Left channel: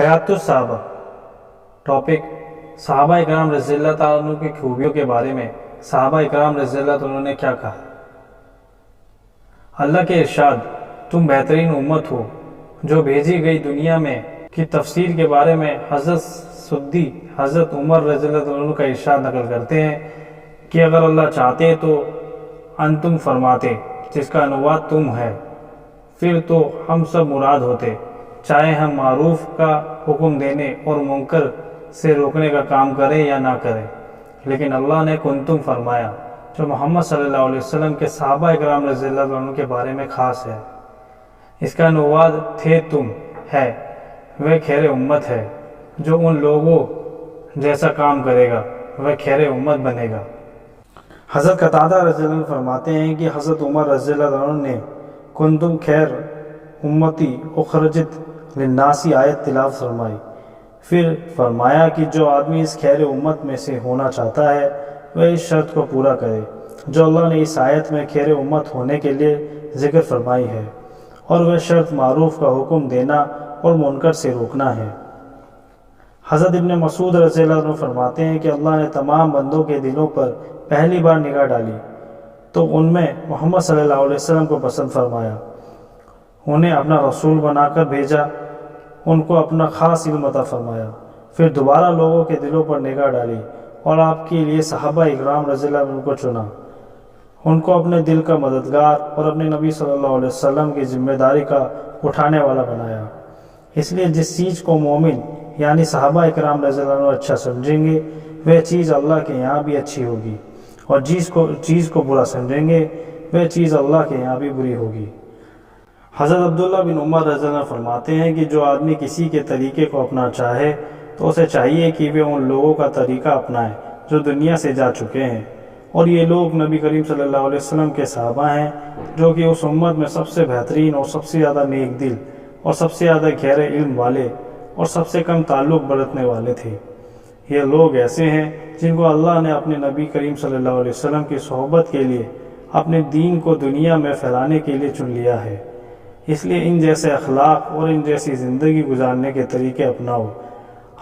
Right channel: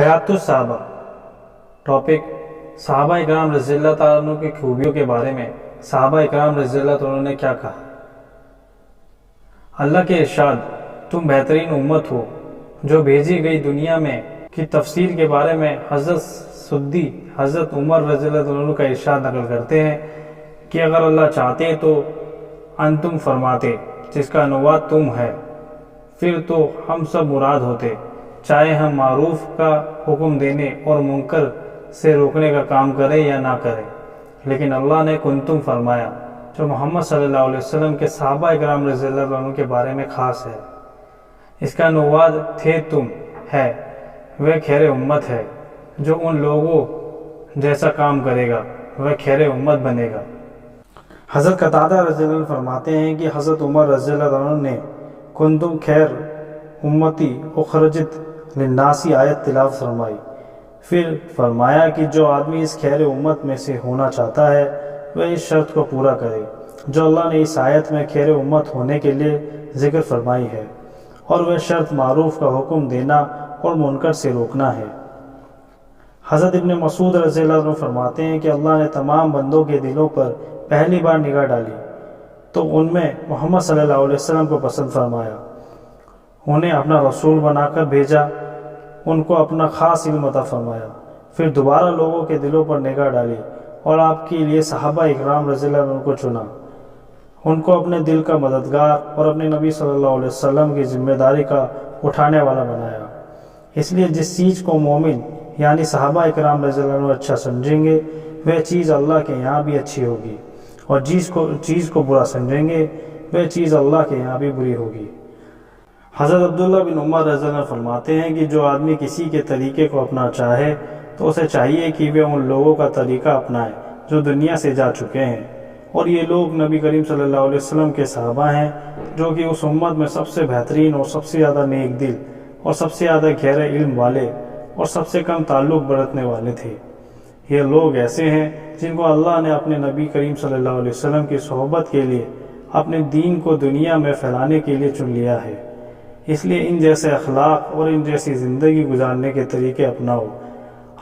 حیات الصحابہ ٹاپک صحابہ اکرام رضی اللہ تعالیٰ عنہ کی خوبیوں کے بارے میں صحابہ اکرام رضی اللہ تعالیٰ عنہ نے کیا کہا۔ اللہ کے ارشاد، تم بہترین امت ہو جو بھیجی گئی دنیا میں کی تفسیر کے بارے میں حضرت سدی حضرت عمر رضی اللہ عنہ کا ارشاد نقل کرتے ہیں کہ اگر اللہ چاہتے تو انتم فرماتے، جس کا عنوان تم ہے، پھر تو ہم سب مراد ہوتے، چاہے ہم معروف کا حکم دینے اور منکر سے روکنے کا کام کریں یا نہ کریں، لیکن اللہ نے کنتم فرمایا، جو محمد صلی اللہ علیہ وسلم کے صحابہ اکرام رضی اللہ عنہ کے بارے میں خاص ہے۔ اس کا عنوان تھے تم ہے، وہ خیر امت ہے، جو ان لوگوں جیسا کام کرے گا وہ خیر امت بنے گا۔ حضرت قتادہ رضی اللہ عنہ فرماتے ہیں کہ حضرت عمر رضی اللہ عنہ نے کنتم خیر امتی اخرجت للناسی آیت تلاوت فرمائی، پھر فرمایا کہ جو آدمی اس خیر امت میں سے ہونا چاہتا ہے وہ اس شرط کو پورا کرے جو اللہ نے اس آیت میں خیر امت ہونے کے لیے ذکر فرمائی ہے، اور وہ شرط معروف کا حکم دینا اور منکر سے روکنا ہے۔ حضرت ابن مسعود رضی اللہ عنہ فرماتے ہیں کہ اللہ نے تمام بندوں کے دلوں پر پہلی بار نگاہ ڈالی تو ان میں محمد صلی اللہ علیہ وسلم کو پسند فرمایا، انہیں اپنا رسول بنا کر بھیجا، ان کو اپنا خاص علم عطا فرمایا، پھر دوبارہ لوگوں کے دلوں پر نگاہ ڈالی اور آپ کے لیے صحابہ اکرام رضی اللہ عنہ کو چنا، ان کو اپنے دل کا مددگار اور اپنے نبی صلی اللہ علیہ وسلم کی ذمہ داری کا اٹھانے والا بنایا۔ اس لیے جس چیز کو مومن یعنی صحابہ اکرام رضی اللہ عنہ اچھا سمجھیں گے وہ چیز اللہ کے یہاں بھی اچھی ہوگی، اور چیز کو برا سمجھیں گے وہ چیز اللہ کے یہاں بھی بری ہوگی۔ حضرت عبداللہ بن عمر رضی اللہ عنہ فرماتے ہیں کہ جو آدمی کسی کے طریقے کو اپنا چاہے تو اسے چاہیے کہ وہ ان لوگوں کا طریقہ اپنائے جو دنیا سے جا چکے ہیں، اور یہ لوگ نبی کریم صلی اللہ علیہ وسلم کے صحابہ ہیں جو کہ اس امت میں سب سے بہترین اور سب سے زیادہ نیک دل اور سب سے زیادہ گہرے علم والے اور سب سے کم تعلق برتنے والے تھے۔ یہ لوگ ایسے ہیں جن کو اللہ نے اپنے نبی کریم صلی اللہ علیہ وسلم کی صحبت کے لیے اپنے دین کو دنیا میں پھیلانے کے لیے چن لیا ہے، اس لیے ان جیسے اخلاق اور ان جیسی زندگی گزارنے کے طریقے اپناؤ۔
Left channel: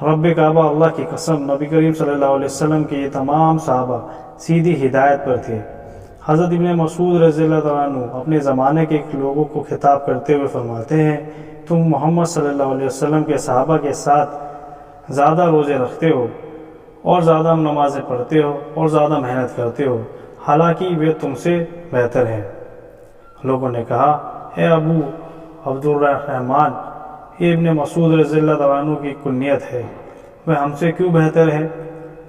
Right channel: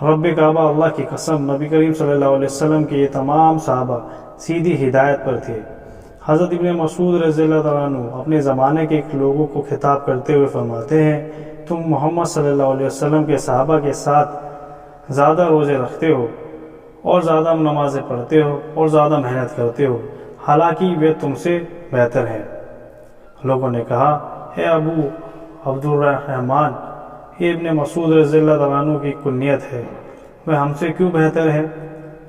رب کعبہ اللہ کی قسم، نبی کریم صلی اللہ علیہ وسلم کے یہ تمام صحابہ سیدھی ہدایت پر تھے۔ حضرت ابن مسعود رضی اللہ عنہ اپنے زمانے کے لوگوں کو خطاب کرتے ہوئے فرماتے ہیں، تم محمد صلی اللہ علیہ وسلم کے صحابہ کے ساتھ زیادہ روزے رکھتے ہو اور زیادہ نمازیں پڑھتے ہو اور زیادہ محنت کرتے ہو، حالانکہ وہ تم سے بہتر ہیں۔ لوگوں نے کہا، اے ابو عبد الرحمن، یہ ابن مسعود رضی اللہ عنہ کی کنیت ہے، وہ ہم سے کیوں بہتر ہے؟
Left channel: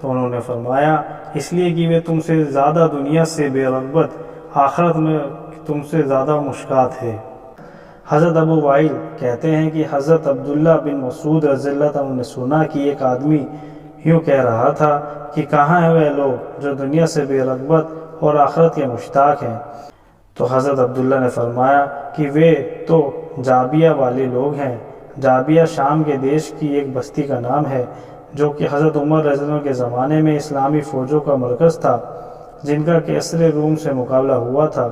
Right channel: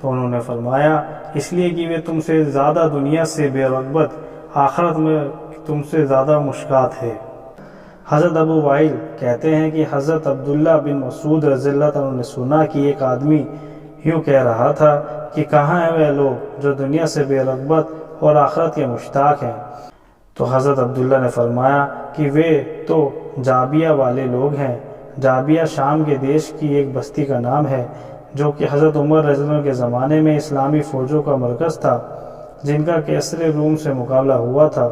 تو انہوں نے فرمایا، اس لیے کہ وہ تم سے زیادہ دنیا سے بے رغبت، آخرت میں تم سے زیادہ مشکات ہے۔ حضرت ابو وائل کہتے ہیں کہ حضرت عبداللہ بن مسعود رضی اللہ عنہ نے سنا کہ ایک آدمی یوں کہہ رہا تھا کہ کہاں ہیں وہ لوگ جو دنیا سے بے رغبت اور آخرت کے مشتاق ہیں؟ تو حضرت عبداللہ نے فرمایا کہ وہ تو جابیہ والے لوگ ہیں۔ جابیہ شام کے دیش کی ایک بستی کا نام ہے جو کہ حضرت عمر رضی اللہ عنہ کے زمانے میں اسلامی فوجوں کا مرکز تھا، جن کا کیسر روم سے مقابلہ ہوا تھا،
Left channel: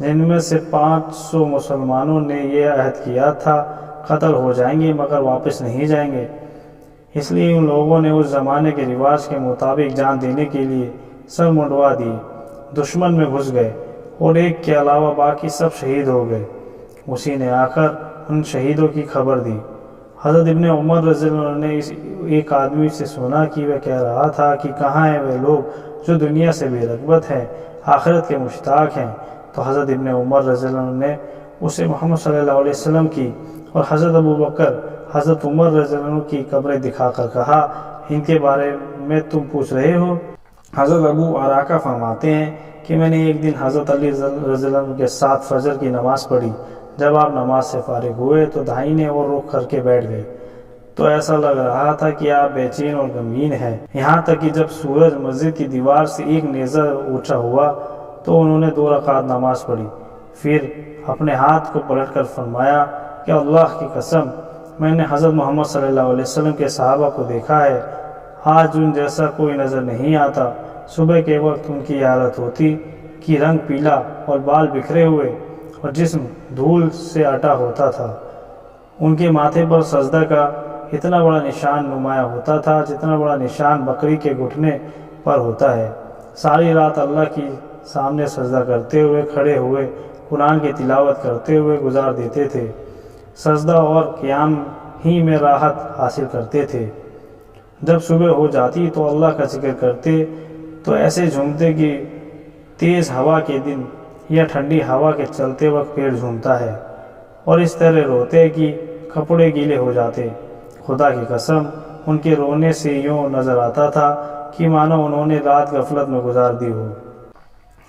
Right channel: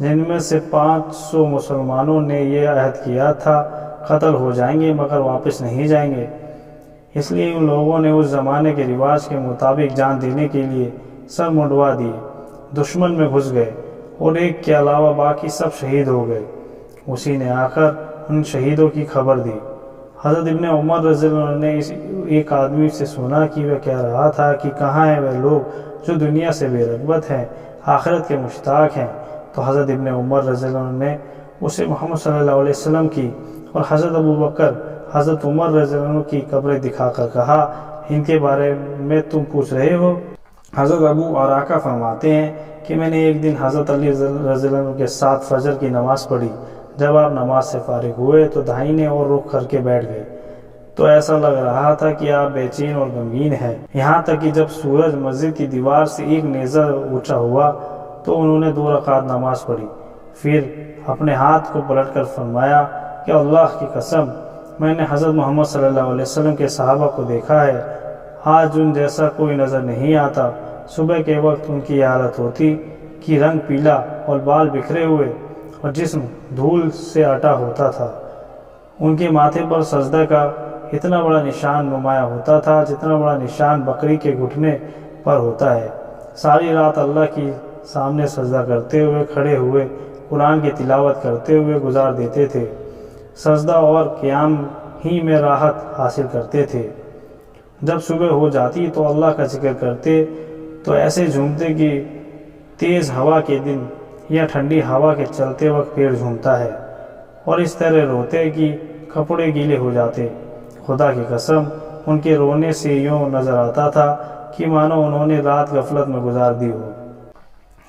جن میں سے 500 مسلمانوں نے یہ عہد کیا تھا قتل ہو جائیں گے مگر واپس نہیں جائیں گے۔ اس لیے ان لوگوں نے اس زمانے کے رواج کے مطابق جان دینے کے لیے سر منڈوا دیے، دشمن میں گھس گئے اور ایک کے علاوہ باقی سب شہید ہو گئے۔ اسی نے آ کر ان شہیدوں کی خبر دی۔ حضرت ابن عمر رضی اللہ عنہ نے ایک آدمی سے سنا کہ وہ کہہ رہا تھا کہ کہاں ہیں وہ لوگ جو دنیا سے بے رغبت ہیں، آخرت کے مشتاق ہیں؟ تو حضرت ابن عمر رضی اللہ عنہ نے اسے محمد صلی اللہ علیہ وسلم کی اور حضرت ابو بکر، حضرت عمر رضی اللہ عنہ کی قبریں دکھا کر کہا، ان کے بارے میں تم پوچھ رہے ہو؟ حضرت ابو عراقہ فرماتے ہیں کہ میں نے ایک دن حضرت علی رضی اللہ عنہ کے ساتھ فجر کی نماز پڑھی۔ جب آپ نماز سے فارغ ہوئے تو داہنے اور رخ کر کے بیٹھ گئے، تو ایسا لگ رہا تھا کہ آپ بے چین اور غمگین ہیں، یہاں تک کہ جب سورج مسجد کی دیوار سے ایک نیزہ اونچا ہوا تو انہوں نے 2 رکعت نماز پڑھی، پھر اپنے ہاتھ کو پلٹ کر فرمایا کہ اللہ کی قسم، میں نے حضرت محمد صلی اللہ علیہ وسلم کے صحابہ کو دیکھا ہے، آج ان جیسا کوئی نظر نہیں آتا۔ صبح کے وقت ان کی حالت ہوتی کہ رنگ پیلا اور بال بکھرے ہوئے اور جسم دھول سے اٹا ہوتا تھا، ان کے ماتھے پر سجدہ کا اتنا بڑا نشان نمایاں ہوتا تھا جتنا بڑا نشان بکری کے گھٹنے پر ہوتا ہے۔ ساری رات اللہ کی سامنے سجدہ کرتے ہوئے، کھڑے ہوئے قرآن کی تلاوت کرتے ہوئے گزار دیتے تھے۔ سجدہ اور قیام ہی میں راحت حاصل کرتے تھے۔ جب صبح ہو جاتی تو اللہ کا ذکر کرتے تو ایسے جھومتے کہ تیز ہوا کے دن یا ٹھنڈی ہوا کے چلتے وقت پیڑ جھومتا ہے، اور اس طرح روتے کہ کپڑے گیلے ہو جاتے۔ خدا کی قسم ان کے رونے سے یوں نظر آتا تھا کہ مانو انہوں نے رات غفلت میں گزار دی ہو۔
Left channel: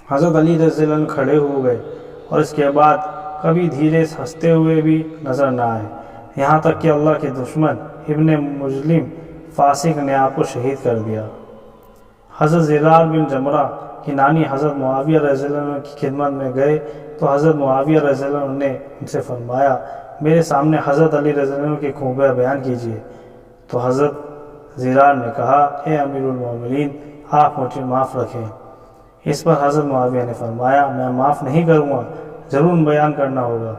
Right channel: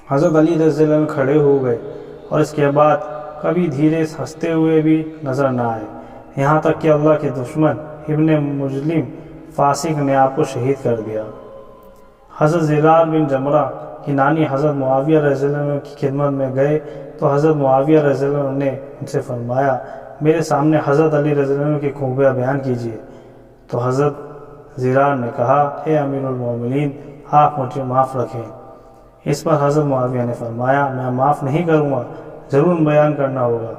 حضرت علی رضی اللہ عنہ کھڑے ہو گئے اور اس کے بعد کبھی دھیرے ہنستے ہوئے بھی نظر نہ آئے، یہاں تک کہ اللہ کے دشمن ابن مجلم فاسق نے آپ کو شہید کر دیا۔ حضرت زرار بن جمرہ کی نانی حضرت معاویہ رضی اللہ عنہ کی خدمت میں گئے تو حضرت معاویہ رضی اللہ عنہ نے ان سے فرمایا، میرے سامنے حضرت علی رضی اللہ عنہ کی خوبیاں بیان کیجیے۔ تو حضرت زرار نے کہا، اے امیر المومنین، آپ مجھے معاف رکھیں۔ اس پر حضرت معاویہ نے فرمایا، میں معاف نہیں کروں گا، ضرور بیان کرنا ہوگا۔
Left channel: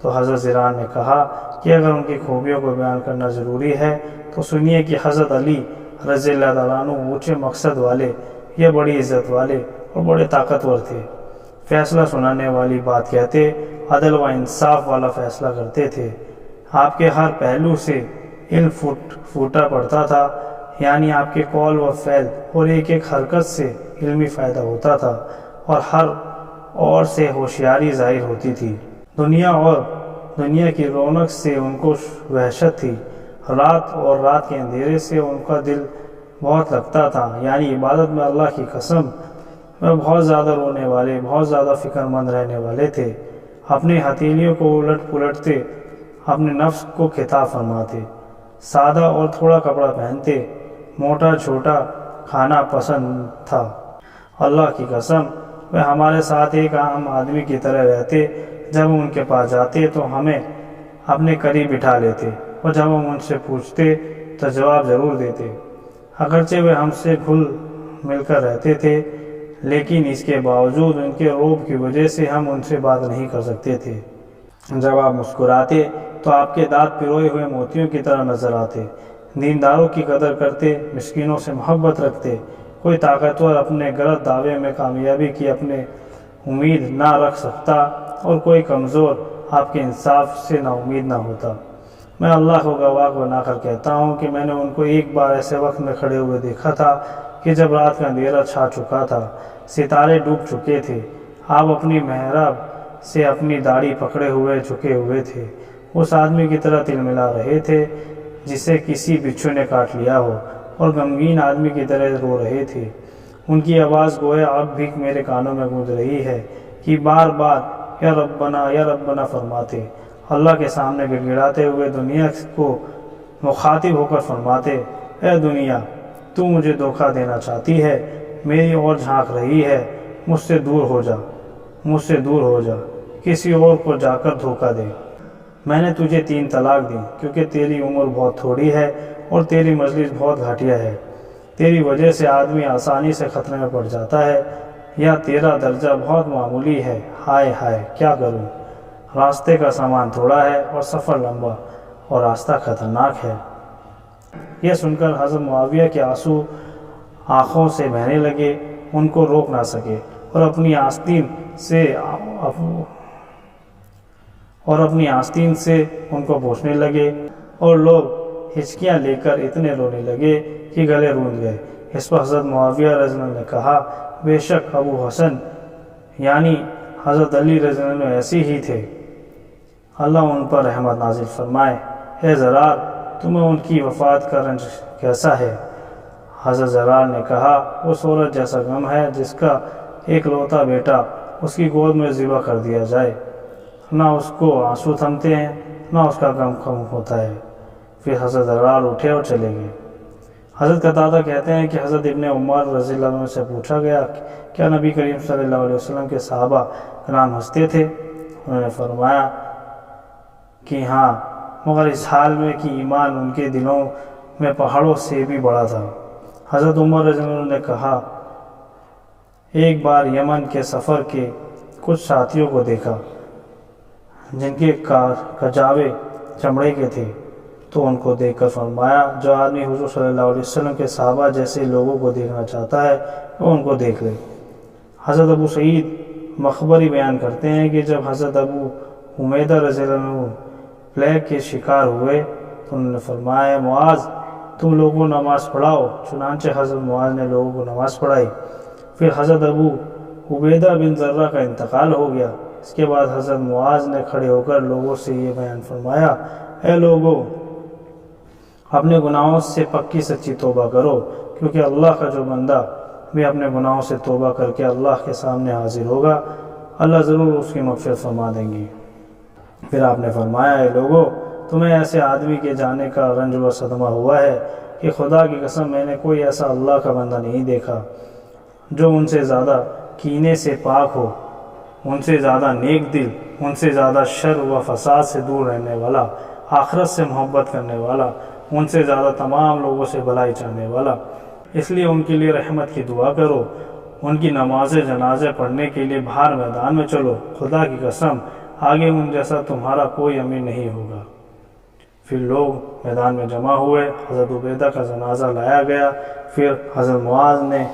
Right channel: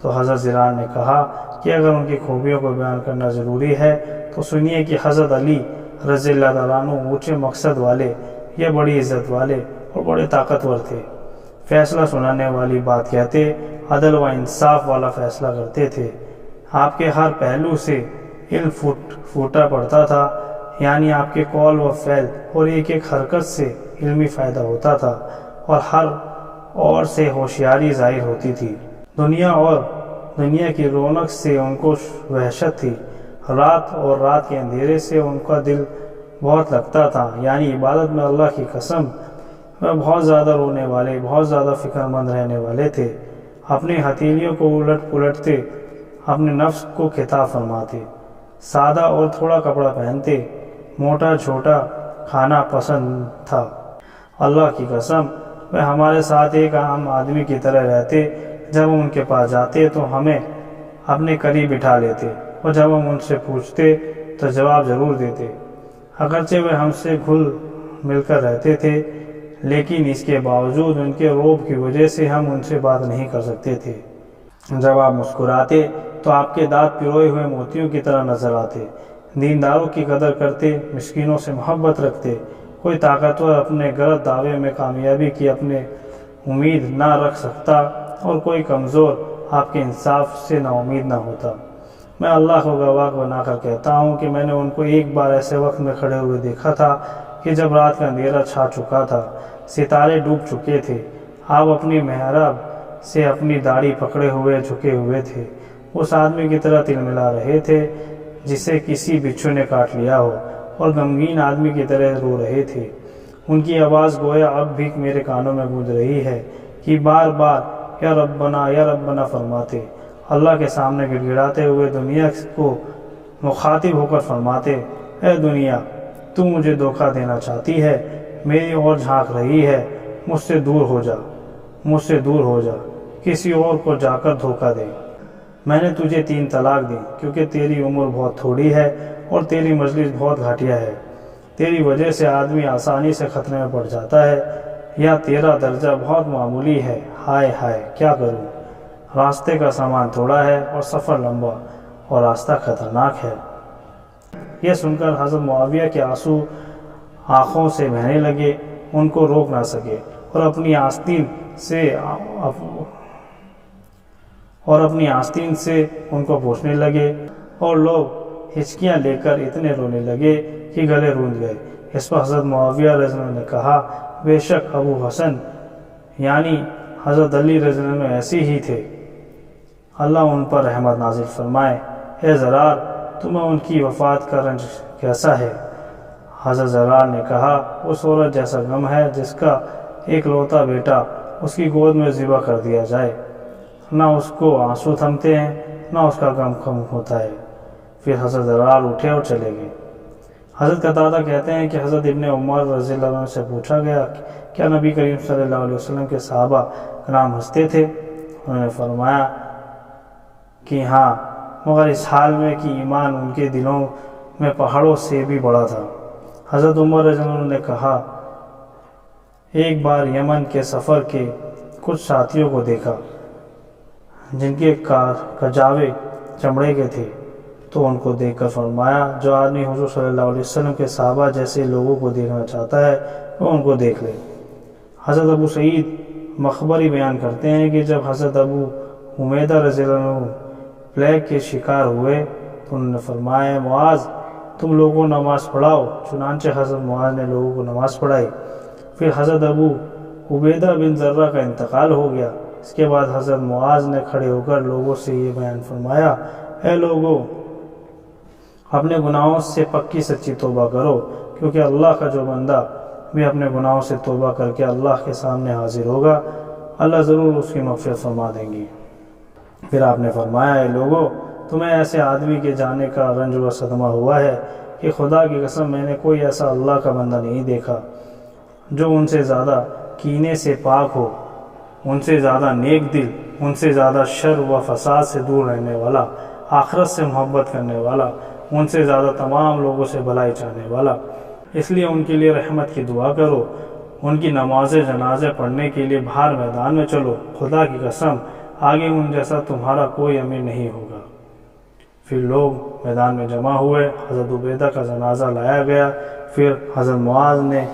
تو حضرت زرار نے کہا کہ اگر ان کی خوبیوں کو بیان کرنا ضروری ہے تو سنیے کہ حضرت علی رضی اللہ تعالیٰ عنہ اونچے مقصد والے، یہ بڑی عزت والے اور بڑے طاقتور تھے، فیصلہ سنانے والی بات کہتے، عدل و انصاف والا فیصلہ کرتے تھے۔ آپ کے ہر پہلو سے علم پھوٹا پڑتا تھا، یعنی آپ کے قول و فعل اور ایک ایک حرکت سے علمی فائدہ ہوتا تھا اور ہر اور سے ہوشیاری ظاہر ہوتی تھی۔ دنیا اور دنیا کی رونق سے ان کو وحشت تھی، رات اور رات کے اندھیرے سے ان کا دل بہت لگتا تھا، یعنی عبادت میں اللہ کی قسم وہ بہت زیادہ رونے والے، بہت زیادہ فکر مند رہنے والے تھے۔ اپنی ہتھیلیوں کو الٹ پلٹتے، اپنے نفس کو خطاب فرماتے، سادہ اور تھوڑا کپڑا پہنتے، موٹا چھوٹا کھانا پسند تھا۔ اللہ کی قسم وہ ہمارے ساتھ ایک عام آدمی کی طرح رہتے، جب ہم ان کے پاس جاتے تو ہمیں اپنے قریب بٹھا لیتے، اور جب ہم ان سے پوچھتے تو جواب ضرور دیتے۔ اگرچہ وہ ہم سے گھل مل کر رہتے تھے، لیکن اس کے باوجود ان کے رعب کی وجہ سے ہم ان سے بات نہیں کر سکتے تھے۔ جب آپ مسکراتے تو آپ کے دانت پروئے ہوئے موتیوں کی طرح نظر آتے۔ دینداروں کی قدر کرتے، مسکینوں سے محبت رکھتے۔ کوئی طاقتور اپنے غلط دعوے میں کامیابی کی اپنے امید نہ رکھ سکتا اور کوئی کمزور آپ کے انصاف سے نا امید نہ ہوتا۔ میں اللہ کو گواہ بنا کر کہتا ہوں کہ میں نے ان کو ایک بار ایسے وقت میں کھڑے ہوئے دیکھا تھا کہ جب رات کا اندھیرا چھا چکا تھا، ستارے ڈوب چکے تھے، آپ اپنی محراب سے اپنی داڑھی پکڑے ہوئے جھکے ہوئے تھے، اس آدمی کی طرح تلملا رہے تھے جسے کسی بچھو نے کاٹ لیا ہو، اور غمگین آدمی کی طرح رو رہے تھے۔ ان کی آواز گویا اب بھی میرے کانوں میں گونج رہی ہے کہ بار بار یا ربنا فرماتے، اللہ کے سامنے گڑ گڑاتے ہوئے دنیا کو مخاطب ہو کر فرماتے، اے دنیا، تو مجھے دھوکہ دینا چاہتی ہے، میری اور جھانک رہی ہے، مجھ سے دور ہو جا، مجھ سے دور ہو جا، کسی اور کو جا کر دھوکہ دے۔ میں نے تجھے 3 طلاق دی کیونکہ تیری عمر بہت تھوڑی ہے اور تیری مجلس بہت گھٹیا ہے، تیری وجہ سے آدمی آسانی سے خطرے میں پڑ جاتا ہے، یا تیرا درجہ بہت معمولی ہے، ہائے ہائے کیا کروں، راستے کا سامان تھوڑا ہے اور سفر لمبا اور راستہ خطرناک ہے۔ یہ سن کر حضرت معاویہ کے آنسو آنکھوں سے بہنے لگے، ان کو روک نہ سکے اور اپنی آستین سے ان کو پوچھنے لگے، اور لوگ ہچکیاں لے کر اتنے رونے لگے کہ گلے روند گئے۔ اس پر حضرت معاویہ رضی اللہ عنہ نے کہا، بے شک ابو حسن یعنی حضرت علی رضی اللہ عنہ ایسے ہی تھے، اللہ ان پر رحمت نازل فرمائے۔ اے زرار، تمہیں ان کی وفات کا رنج کیسا ہے؟ حضرت زرار نے کہا، اس عورت جیسا غم ہے جس کا ایک لوتا بیٹا اس کی گود میں ذبح کر دیا جائے، نہ اس کو آنسو تھمتے ہیں نہ اس کا غم کم ہوتا ہے۔ پھر حضرت زرار اٹھے اور چلے گئے۔ حضرت قتادہ کہتے ہیں کہ حضرت ابن عمر رضی اللہ عنہ سے پوچھا گیا، کیا نبی کریم صلی اللہ علیہ وسلم کے صحابہ کرام ہنستے تھے؟ انہوں نے فرمایا کہ ہاں، مگر اس حال میں کہ ایمان ان کے دلوں میں پہاڑوں سے بھی بڑا تھا۔ حضرت عمر رضی اللہ عنہ نے کہا، ایک بار یمن کے سفر کے کچھ ساتھیوں کو دیکھا جن کے کجاوے چمڑے کے تھے، تو ان کو دیکھ کر فرمایا جو آدمی حضور صلی اللہ علیہ وسلم کے صحابہ جیسے لوگوں کو دیکھنا چاہتا ہے وہ ان کو دیکھ لے۔ حضرت ابو سعید مخبری بیان کرتے ہیں کہ جب حضرت ابو حمیدہ رضی اللہ عنہ پلیگ کے شکار ہوئے تو انہوں نے فرمایا معاذ تم لوگوں کو نماز پڑھاؤ، چنانچہ حضرت معاذ نے لوگوں کو نماز پڑھائی۔ پھر حضرت ابو عبیدہ بن ذرہ کا انتقال ہو گیا۔ اس کے بعد حضرت معاذ نے کھڑے ہو کر لوگوں سے یہ بیان فرمایا، اے لوگو اپنے گناہوں سے پکی سچی توبہ کرو، کیونکہ اللہ کا جو بندہ بھی اپنے گناہوں سے توبہ کر کے اللہ کے سامنے حاضر ہوگا اللہ ضرور اس کی مغفرت فرما دیں گی۔ پھر آپ نے فرمایا، اے لوگو تمہیں ایسے آدمی کے جانے کا رنج و صدمہ ہوا ہے کہ خدا کی قسم میں نے کوئی ایسا اللہ کا بندہ نہیں دیکھا جو ان سے زیادہ کینے سے پاک ہو، ان سے زیادہ نیک دل، ان سے زیادہ شر و فساد سے دور رہنے والا، آخرت سے محبت کرنے والا، ان سے زیادہ تمام لوگوں سے بھلائی چاہنے والا۔ اس لیے ان کے لیے رحمت کی دعا کرو، ان کی نماز جنازے پڑھنے کے لیے باہر میدان میں چلو، خدا کی قسم آگے ان جیسا تمہارا کوئی امیر نہیں ہوگا۔ پھر لوگ میدان میں جمع ہوئے، حضرت عبیدہ کا جنازہ لایا گیا، پھر حضرت معاذ نے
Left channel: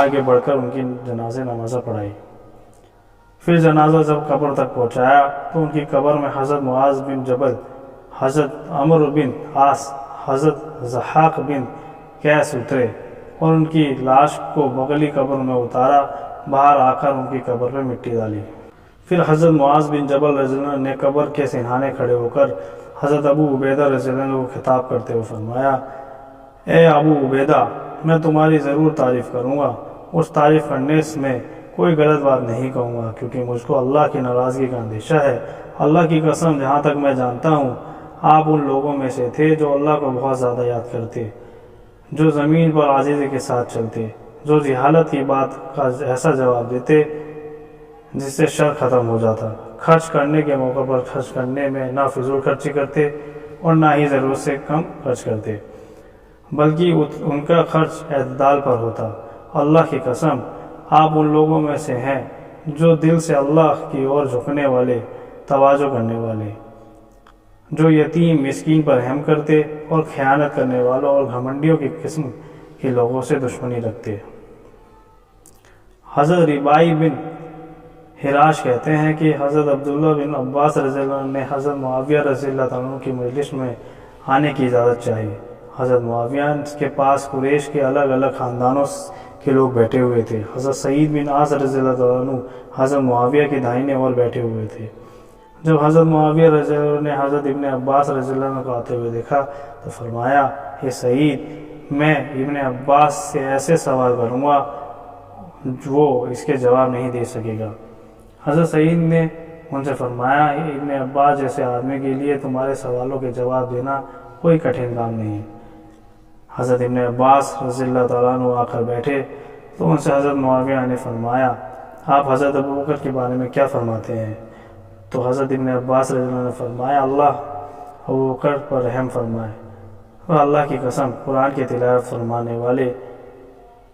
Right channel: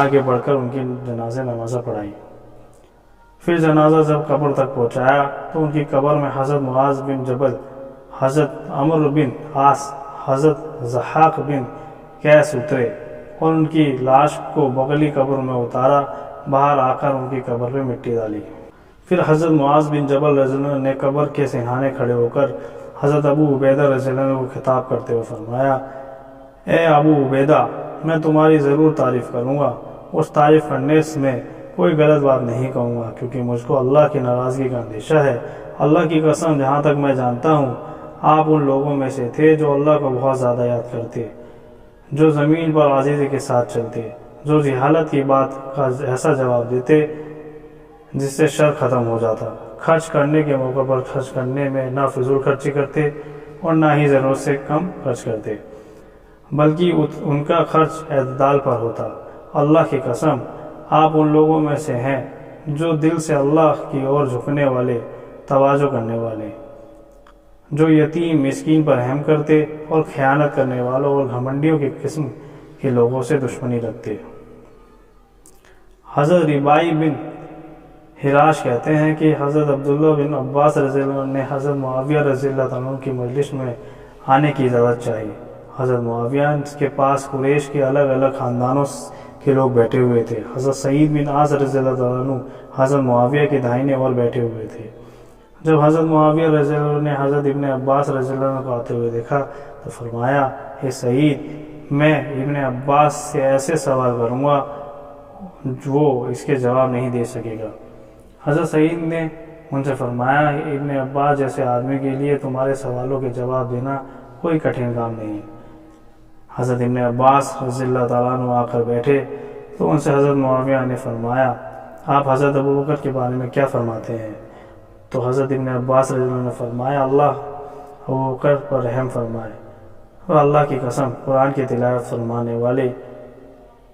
آگے بڑھ کر ان کی جنازے نمازہ پڑھائی۔ پھر جنازہ جب قبر تک پہنچایا تو ان کی قبر میں حضرت معاذ بن جبل، حضرت عمرو بن عاص، حضرت ضحاک بن قیس اترے اور ان کی لاش کو بغلی قبر میں اتارا، باہر آ کر ان کی قبر پہ مٹی ڈالی۔ پھر حضرت معاذ بن جبل رضی اللہ عنہ نے قبر کے سنہانے کھڑے ہو کر حضرت ابو عبیدہ رضی اللہ عنہ کو خطاب کرتے ہوئے فرمایا، اے ابو عبیدہ میں تمہاری ضرور تعریف کروں گا، اس تعریف کرنے میں کوئی غلط بات نہیں کہوں گا، کیونکہ مجھ کو اللہ کی ناراضگی کا اندیشہ ہے۔ اللہ کی قسم جہاں تک میں جانتا ہوں آپ ان لوگوں میں سے تھے جو اللہ کو بہت زیادہ یاد کرتے، جو زمین پر عاجزی کے ساتھ چلتے، جو جہالت کی بات کا ایسا جواب دیتے جس سے شر ختم ہو جاتا، خرچ کرنے کے موقع پر خرچ کرنے میں نہ فضول خرچی کرتے اور نہ ہی ضرورت سے کم خرچ کرتے، بلکہ ان کا خرچ اعتدال پر ہوتا۔ اللہ کی قسم آپ ان لوگوں میں سے ہیں جو دل سے اللہ کی اور جھکنے والے، تواضع کرنے والے، جو یتیم مسکین پر رحم کرتے اور خیانت کرنے والوں اور گھمنڈیوں کی قسم کے لوگوں سے دشمنی رکھتے۔ حضرت ربائی بن حراش کہتے ہیں کہ حضرت عبداللہ بن عباس رضی اللہ عنہ نے حضرت معاویہ رضی اللہ عنہ کی مجلس میں آنے کی اجازت چاہی۔ حضرت معاویہ کے پاس قریش کے الگ الگ خاندانوں کے لوگ بیٹھے ہوئے تھے۔ حضرت سعید بن عاص رضی اللہ عنہ حضرت معاویہ کے داہنے اور بیٹھے ہوئے تھے۔ جب حضرت معاویہ رضی اللہ عنہ نے حضرت ابن عباس رضی اللہ عنہ کو آتے ہوئے دیکھا تو فرمایا، اے سعید میں ابن عباس سے ایسے سوال کروں گا وہ اس کے جواب نہیں دے سکے گا۔ حضرت سعید نے ان سے فرمایا، ابن عباس جیسے آدمی کے لیے تمہارے سوالوں کے جواب دینا کوئی کٹھن کام نہیں۔ حضرت ابن عباس رضی اللہ تعالیٰ عنہ آ کر بیٹھے تو ان سے حضرت معاویہ نے فرمایا، آپ حضرت ابوبکر کے بارے میں کیا فرماتے ہیں؟ تو حضرت ابن عباس رضی اللہ عنہ نے فرمایا، اللہ ابوبکر پر رحم فرمائے، اور اللہ کی قسم قرآن کی تلاوت فرمانے والے،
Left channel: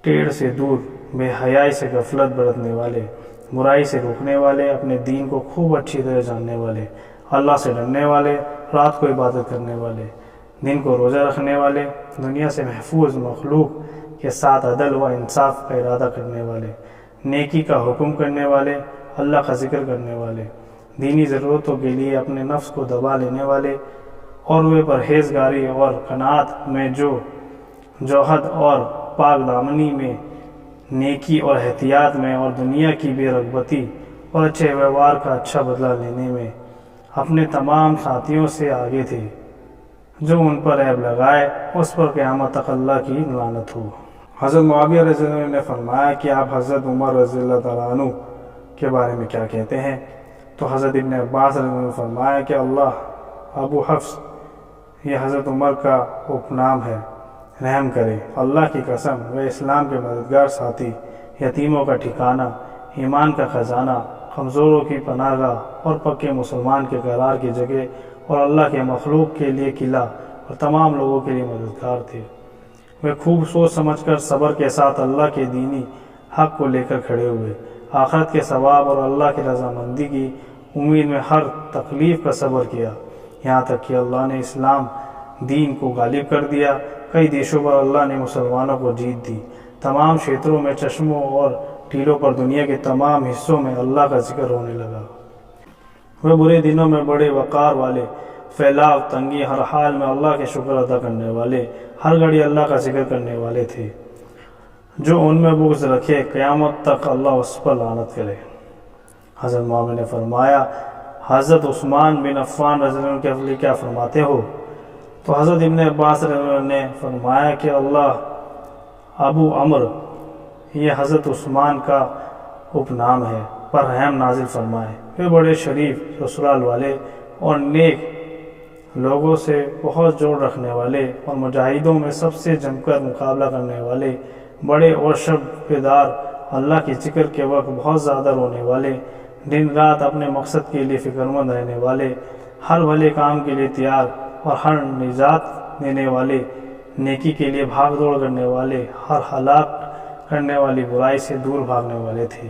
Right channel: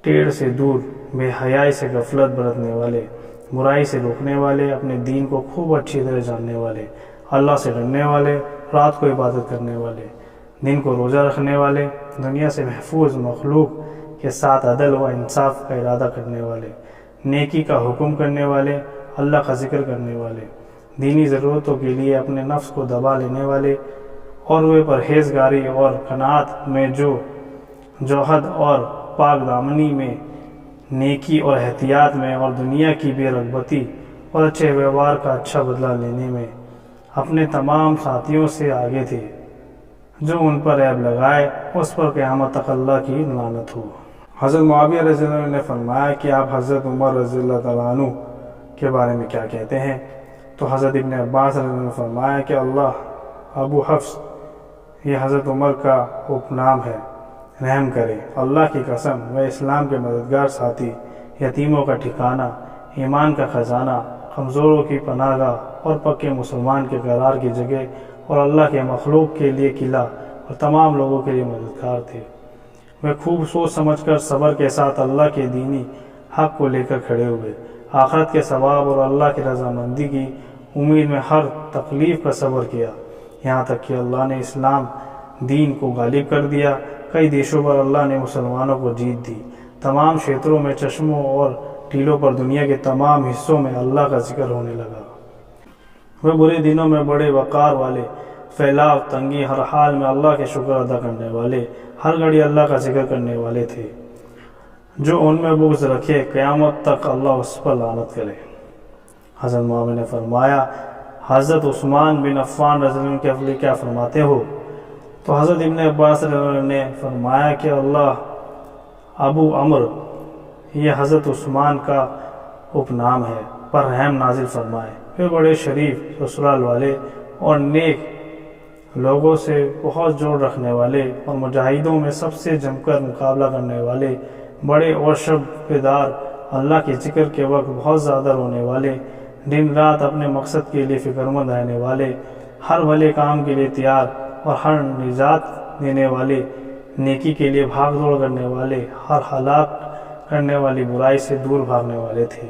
ٹیڑھ سے دور، بے حیائی سے غفلت برتنے والے، برائی سے روکنے والے، اپنے دین کو خوب اچھی طرح جاننے والے، اللہ سے ڈرنے والے، رات کو عبادت کرنے والے، دن کو روزہ رکھنے والے، دنیا سے محفوظ، مخلوق کے ساتھ عدل و انصاف کا ارادہ کرنے والے، نیکی کا حکم کرنے والے، اللہ کا ذکر کرنے والے، دینی ضرورتوں کے لیے اپنے نفس کو دبا لینے والے، اور وہ پرہیزگاری اور قناعت میں جو جوہد اور پاک دامنی میں، نیکی اور احتیاط میں، اور دنیا کی بے رغبتی اور اچھے ویوہار کا اچھا بدلہ لینے میں اپنے تمام ساتھیوں سے آگے تھے۔ جو ان پر عیب لگائے اس پر قیامت تک اللہ کی لعنت ہو۔ حضرت معاویہ رضی اللہ عنہ نے فرمایا کہ آپ حضرت عمر رضی اللہ تعالیٰ عنہ کے بارے میں کیا کہتے ہیں؟ تو حضرت ابن عباس رضی اللہ عنہ نے فرمایا کہ اللہ ابو حفص، یہ حضرت عمر کا اپنام ہے، رحم کرے۔ اللہ کی قسم وہ اسلام کے مددگار ساتھی، یتیموں کا ٹھکانہ، ایمان کا خزانہ، کمزوروں کی پناہ گاہ اور پکے مسلمان کے قرار کی جگہ، اور اللہ کے مخلوق کے لیے قلعہ اور تمام لوگوں کے لیے مددگار تھے۔ وہ خوب سوچ سمجھ کر صبر کے ساتھ اللہ کے دینی حق کو لے کر کھڑے ہوئے، آخرت کے ثواب اور اللہ کی رضامندی کی امید میں ہر تکلیف کا صبر کیا، یہاں تک کہ اللہ نے اسلام دین کو غالب کر دیا۔ کئی دیشوں پر اللہ نے مسلمانوں کو جیت دی۔ تمام چھیتروں میں، چشموں اور ٹیلوں پر دنیا کے تمام حصوں میں اللہ کا ذکر ہونے لگا۔ وہ برے دنوں میں بڑے وقار والے، پھیلاؤ، تنگی، ہر حال میں اللہ کے شکر ادا کرنے والے، ہر گھڑی اللہ کا ذکر کرنے والے تھے۔ جو ان میں بغض رکھے قیامت تک اللہ اس پر لعنت کرے۔ حضرت معاویہ نے فرمایا، حضرت عثمان بن عفان رضی اللہ عنہ کے لیے کیا فرماتے ہو؟ تو حضرت ابن عباس رضی اللہ عنہ نے فرمایا کہ اللہ ابو عمرو، یہ حضرت عثمان کا اپنام ہے، پر رحم نازل فرمائے۔ وہ بڑے شریف سسرال والے اور نیک لوگوں سے بہت جوڑ رکھنے والے اور مجاہدوں میں سب سے جم کر مقابلہ کرنے والے، بڑے اور شب بیدار، اللہ کے ذکر کے وقت بہت زیادہ رونے والے، دن رات اپنے مقصد کے لیے فکر مند رہنے والے، ہر بھلے کام کے لیے تیار اور ہر نجات دینے والے، نیکی کے لیے بھاگ دوڑ کرنے والے، ہر ہلاک کرنے والی برائی سے دور بھاگنے والے تھے۔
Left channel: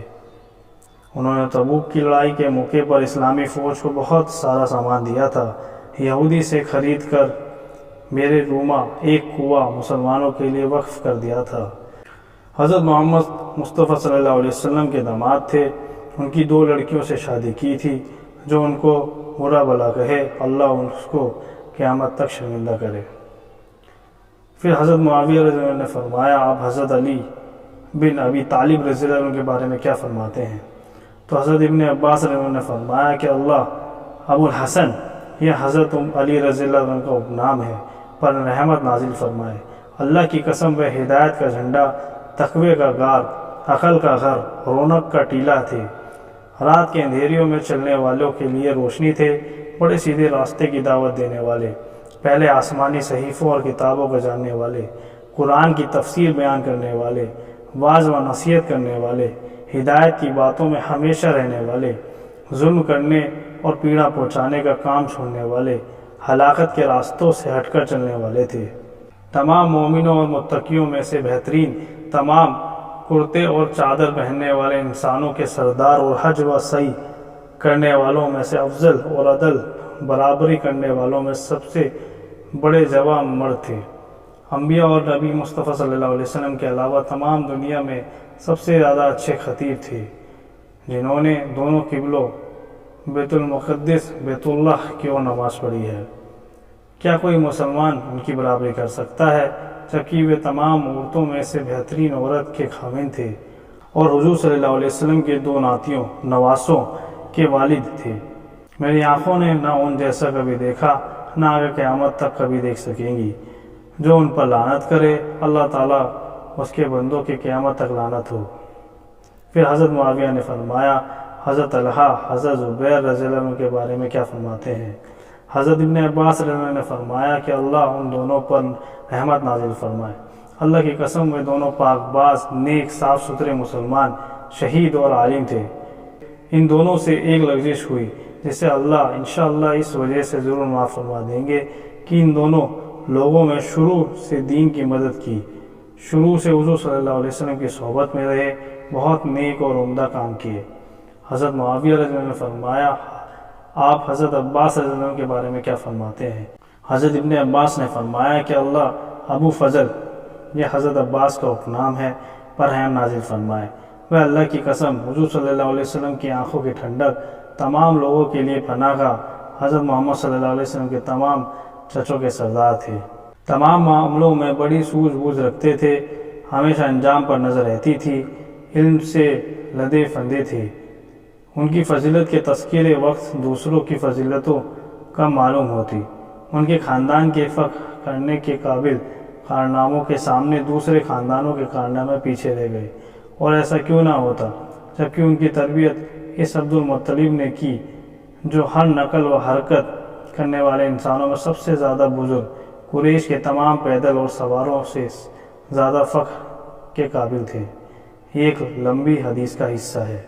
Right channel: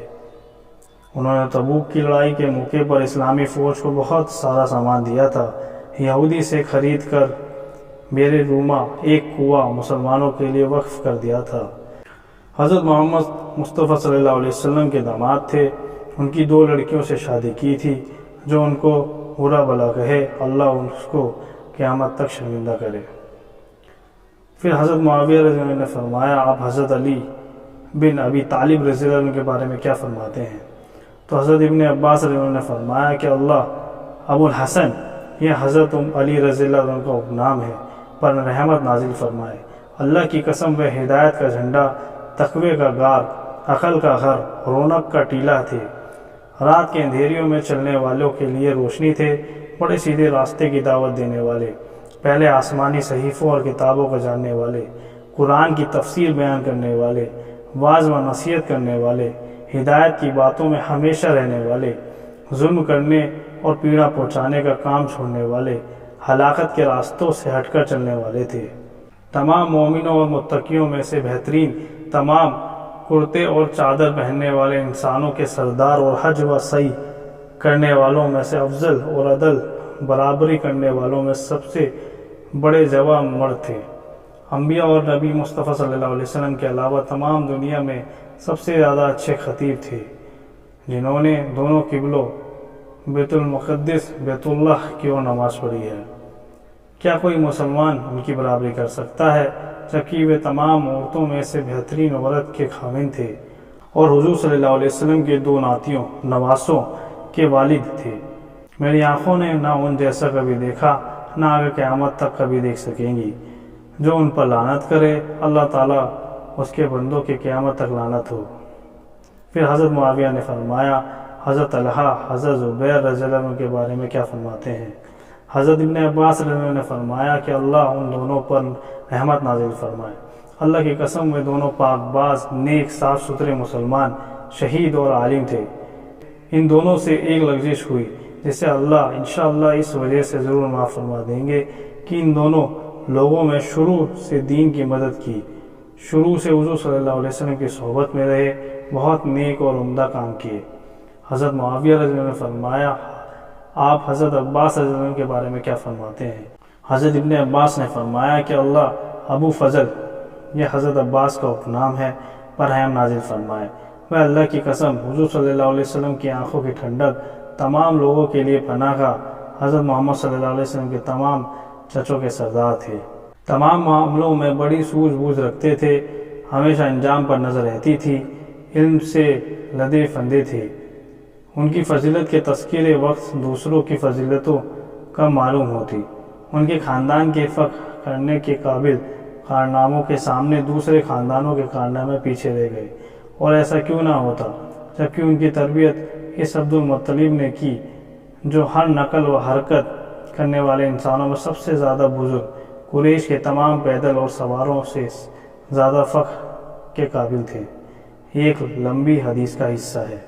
انہوں نے تبوک کی لڑائی کے موقع پر اسلامی فوج کو بہت سارا سامان دیا تھا۔ یہودی سے خرید کر بیر روما ایک کنواں مسلمانوں کے لیے وقف کر دیا تھا۔ حضرت محمد مصطفیٰ صلی اللہ علیہ وسلم کے داماد تھے۔ ان کی 2 لڑکیوں سے شادی کی تھی۔ جو ان کو برا بھلا کہے اللہ اس کو قیامت تک شرمندہ کرے۔ پھر حضرت معاویہ رضی اللہ عنہ نے فرمایا، آپ حضرت علی بن ابی طالب رضی اللہ عنہ کے بارے میں کیا فرماتے ہیں؟ تو حضرت ابن عباس رضی اللہ عنہ نے فرمایا کہ اللہ ابو الحسن، یہ حضرت علی رضی اللہ عنہ کا اپنام ہے، پر رحمت نازل فرمائے۔ اللہ کی قسم، وہ ہدایت کا جھنڈا، تقوی کا غار، عقل کا گھر، رونق کا ٹیلہ تھے۔ رات کے اندھیریوں میں چلنے والوں کے لیے روشنی تھے، بڑے سیدھے راستے کی دعوت دینے والے، پہلے آسمانی صحیفوں اور کتابوں کو جاننے والے، قرآن کی تفسیر بیان کرنے والے، واعظ و نصیحت کرنے والے، ہدایت کی باتوں میں ہمیشہ رہنے والے، ظلم کرنے اور پیڑا پہنچانے کا کام چھوڑنے والے، ہلاکت کے راستوں سے ہٹ کر چلنے والے تھے۔ تمام مومنوں اور متقیوں میں سے بہترین، تمام کرتے اور چادر پہننے والے انسانوں کے سردار اور حج و سعی کرنے والوں میں سے افضل اور عدل برابری کرنے والوں میں سب سے بڑے جوان مرد تھے۔ انبیاء اور نبی مصطفیٰ صلی اللہ علیہ وسلم کے علاوہ تمام دنیا میں سب سے زیادہ اچھے خطیب تھے، جنہوں نے دونوں قبلوں بیت المقدس بیت اللہ کی اور نماز پڑھی ہے۔ کیا کوئی مسلمان ان کی برابری کر سکتا ہے؟ جبکہ وہ تمام عورتوں میں سے بہترین عورت کے خاوند تھے اور حضور صلی اللہ علیہ وسلم کے 2 ناتیوں نواسوں کے والد تھے۔ میری آنکھوں نے نہ ان جیسا کبھی دیکھا، نہ آگے قیامت تک کبھی دیکھ سکیں گی۔ جو ان پر لعنت کرے، اللہ تعالیٰ اس کے بندوں کے قیامت تک لعنت ہو۔ پھر حضرت معاویہ نے فرمایا، حضرت طلحہ، حضرت زبیر رضی اللہ عنہ کے بارے میں کیا فرماتے ہیں؟ حضرت ابن عباس رضی اللہ عنہ نے فرمایا کہ اللہ ان دونوں پر رحمت نازل فرمائے۔ اللہ کی قسم، وہ دونوں پاک باز، نیک، صاف ستھرے مسلمان، شہید اور عالم تھے۔ ان دونوں سے ایک لغزش ہوئی جسے اللہ انشاءاللہ اس وجہ سے ضرور معاف فرما دیں گے کہ ان دونوں لوگوں میں شروع سے دین کی مدد کی، شروع سے حضور صلی اللہ علیہ وسلم کی صحبت میں رہے، بہت نیک اور عمدہ کام کیے۔ حضرت معاویہ رضی اللہ عنہ نے فرمایا، آپ حضرت عباس رضی اللہ عنہ کے بارے میں کیا فرماتے ہیں؟ حضرت ابن عباس نے فرمایا کہ اللہ ابو فضل، یہ حضرت عباس کا اپنام ہے، پر رحم نازل فرمائے۔ وہ اللہ کی قسم، حضور صلی اللہ علیہ وسلم کی آنکھوں کی ٹھنڈک، تمام لوگوں کے لیے پناہ گاہ، حضرت محمد صلی اللہ علیہ وسلم کے تمام چچوں کے سردار تھے۔ تمام معاملوں میں بڑی سوجھ بوجھ رکھتے تھے، ہمیشہ انجام پر نظر رہتی تھی، علم سے لدے فندے تھے۔ ان کی فضیلت کے تذکرے وقت دوسروں کی فضیلتوں کم معلوم ہوتی۔ ان کے خاندان کے فخر کرنے کے قابل کارناموں کے سامنے دوسرے خاندانوں کے کارنامے پیچھے رہ گئے، اور ایسا کیوں نہ ہوتا جبکہ ان کی تربیت اس عبد المطلب نے کی، جو ہر نقل و حرکت کرنے والے انسانوں میں سب سے زیادہ بزرگ، قریش کے تمام پیدل اور سواروں سے زیادہ فخر کے قابل تھے۔ یہ ایک لمبی حدیث کا حصہ ہے۔